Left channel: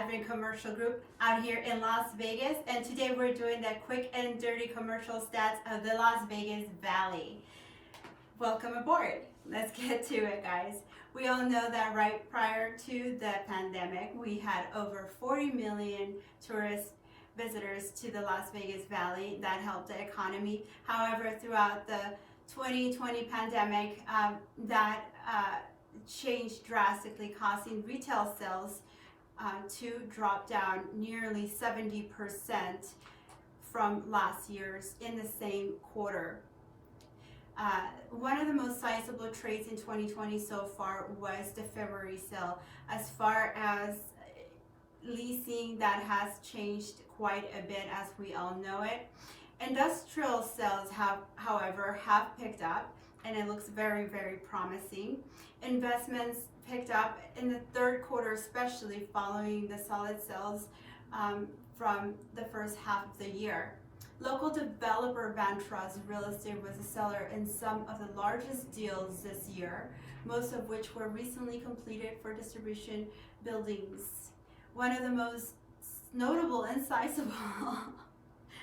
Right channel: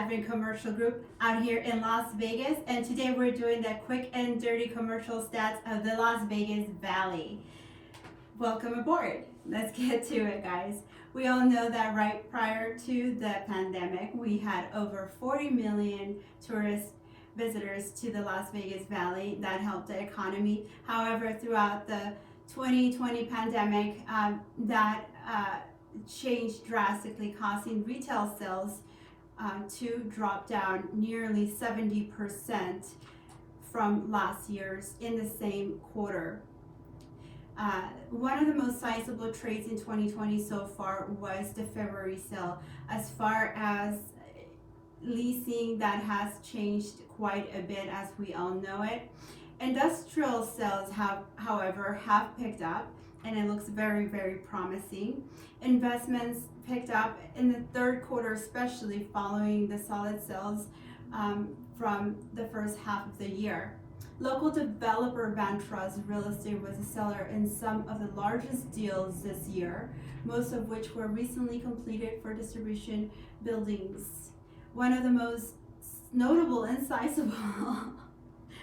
Advent Commercial Group out here in Las Vegas, and today we're doing the quick and dirty commercial stats of the Las Vegas Valley. Welcome aboard. Let's get to it, guys. We all know that right prior to the pandemic, we had over 40 million tourist visitors to the Las Vegas Valley. That helped the economy. However, throughout the 2020 pandemic, that changed drastically, causing retail sales to drop down nearly 70% from last year's in the same quarter. One of the most sizable trades in 2020 so far was the February sale. As far as leasing, that has changed quite a bit, as we all know it. Industrial sales however, have picked up, and it looks very, very promising. Investments picked up in the third quarter, especially following the solid sales from the first half of the year. Local developer Vantrust Real Estate was a seller in some of the largest deals this year, most of which were recently completed for distribution buildings. One of the most notable and sizable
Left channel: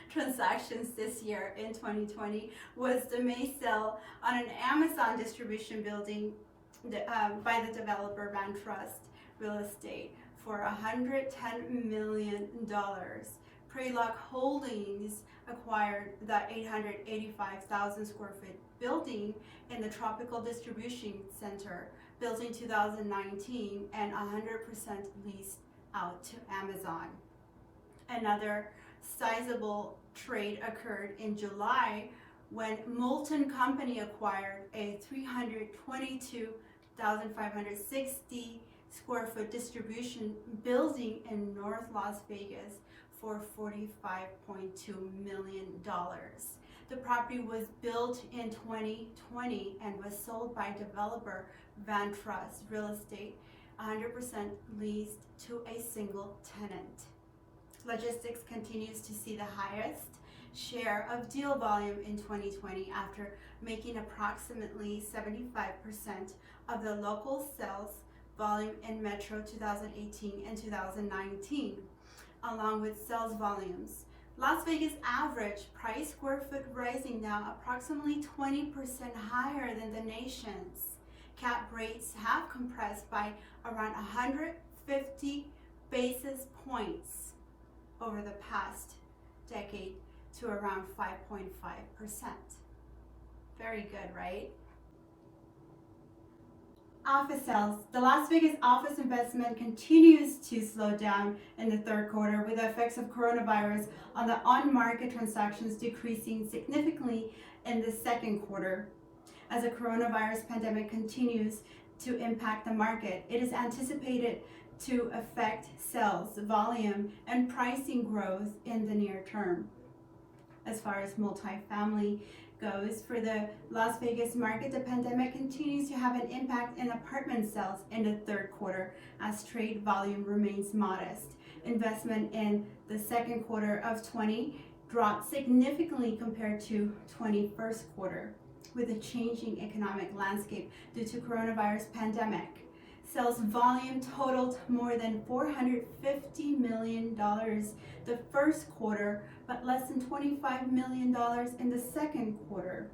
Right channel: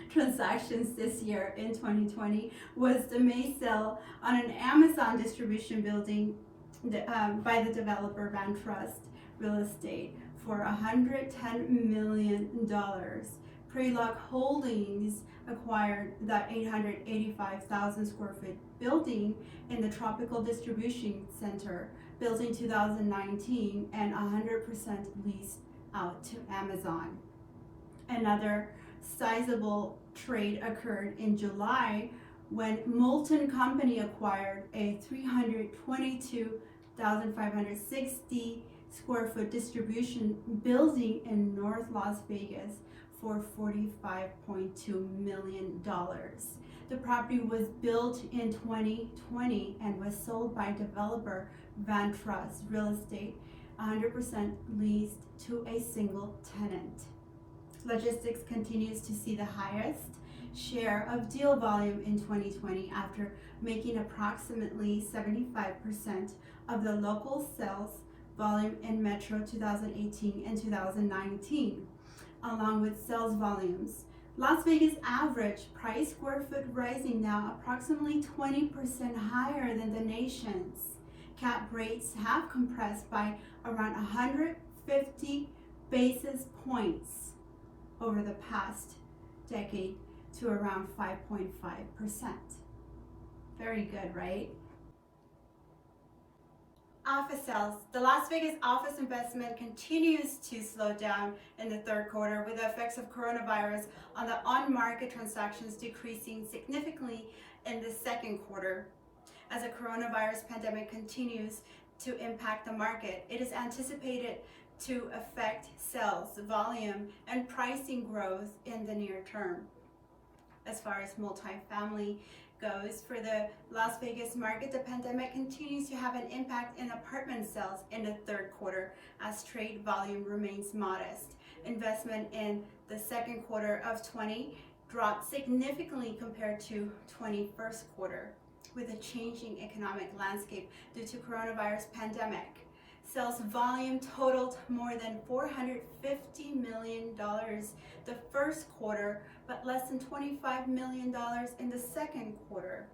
transactions this year in 2020 was the May sale on an Amazon distribution building by the developer Vantrust Real Estate for $110 million. Prelock Holdings acquired the 885,000 square foot building in the Tropical Distribution Center, built in 2019 and 100% leased out to Amazon. Another sizable trade occurred in July when Moulton Company acquired a 322,560 square foot distribution building in North Las Vegas for $45.2 million. The property was built in 2020 and was sold by developer Vantrust Real Estate, 100% leased to a single tenant. Logistics continues to see the highest share of deal volume in 2020 after making approximately 75% of the local sales volume in Metro 2018 and 2019, along with sales volumes. Las Vegas average price square foot rising now approximately 20% higher than the nation's. Cap rates have compressed by around 150 basis points over the past decade to around 5.5%. Very good, right? Office sales. The Las Vegas office investment continues to slow down in the third quarter, with the effects of coronavirus on the on-market transactions decreasing significantly in the second quarter. As the coronavirus pandemic continues to impact the market, it is anticipated to affect sales volume and pricing growth in the near term. As far as multifamily goes, for the Las Vegas market, the pandemic continues to have an impact in apartment sales in the third quarter as trade volume remains modest. Investment in the second quarter of 2020 dropped significantly compared to 21st quarter, with a changing economic landscape due to coronavirus pandemic. Sales volume totaled more than $450 million the first quarter, but less than $25 million in the second quarter.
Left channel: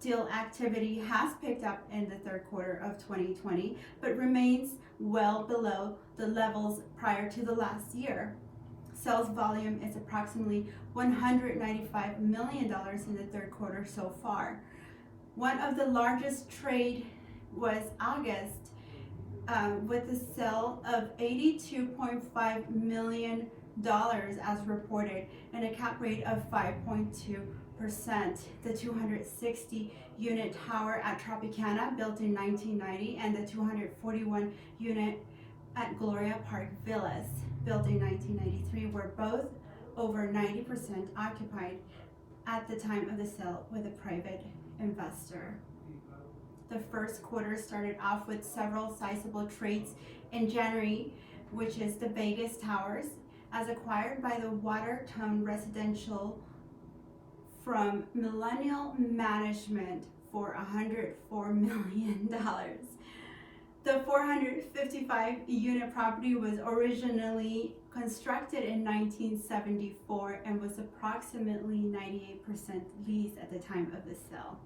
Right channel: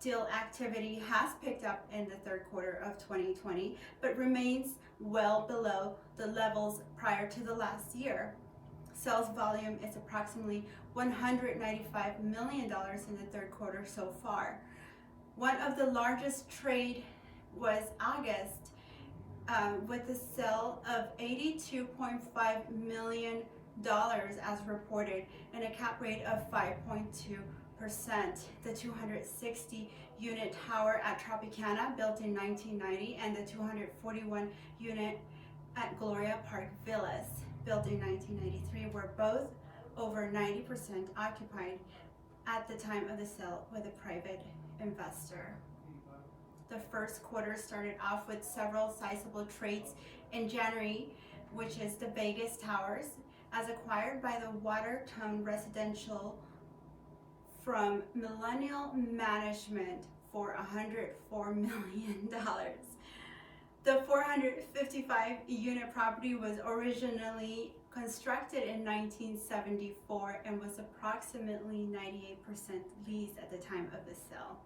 Deal activity has picked up in the third quarter of 2020, but remains well below the levels prior to the last year. Sales volume is approximately $195 million in the third quarter so far. One of the largest trade was August, with the sale of $82.5 million as reported, and a cap rate of 5.2%. The 260 unit tower at Tropicana, built in 1990, and the 241 unit at Gloria Park Villas, built in 1993, were both over 90% occupied at the time of the sale with a private investor. The first quarter started off with several sizable trades in January, which is the Vegas Towers, as acquired by the Watertown Residential from Millennial Management for $104 million. The 455 unit property was originally constructed in 1974 and was approximately 98% leased at the time of the sale.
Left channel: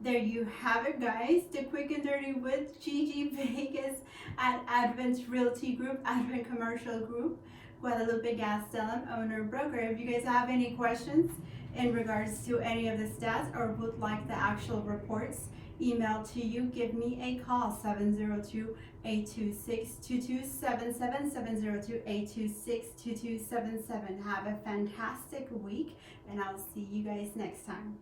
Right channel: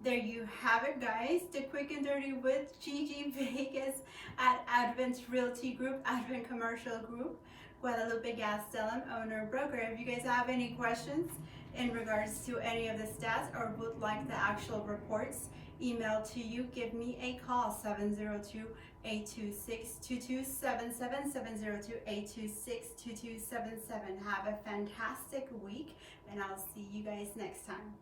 There you have it, guys. The quick and dirty with Gigi Vegas at Advent Realty Group, Advent Commercial Group, Guadalupe Gastelum, owner broker. If you guys have any questions in regards to any of the stats or would like the actual reports emailed to you, give me a call, 702-826-2277, 702-826-2277. Have a fantastic week, and I'll see you guys next time.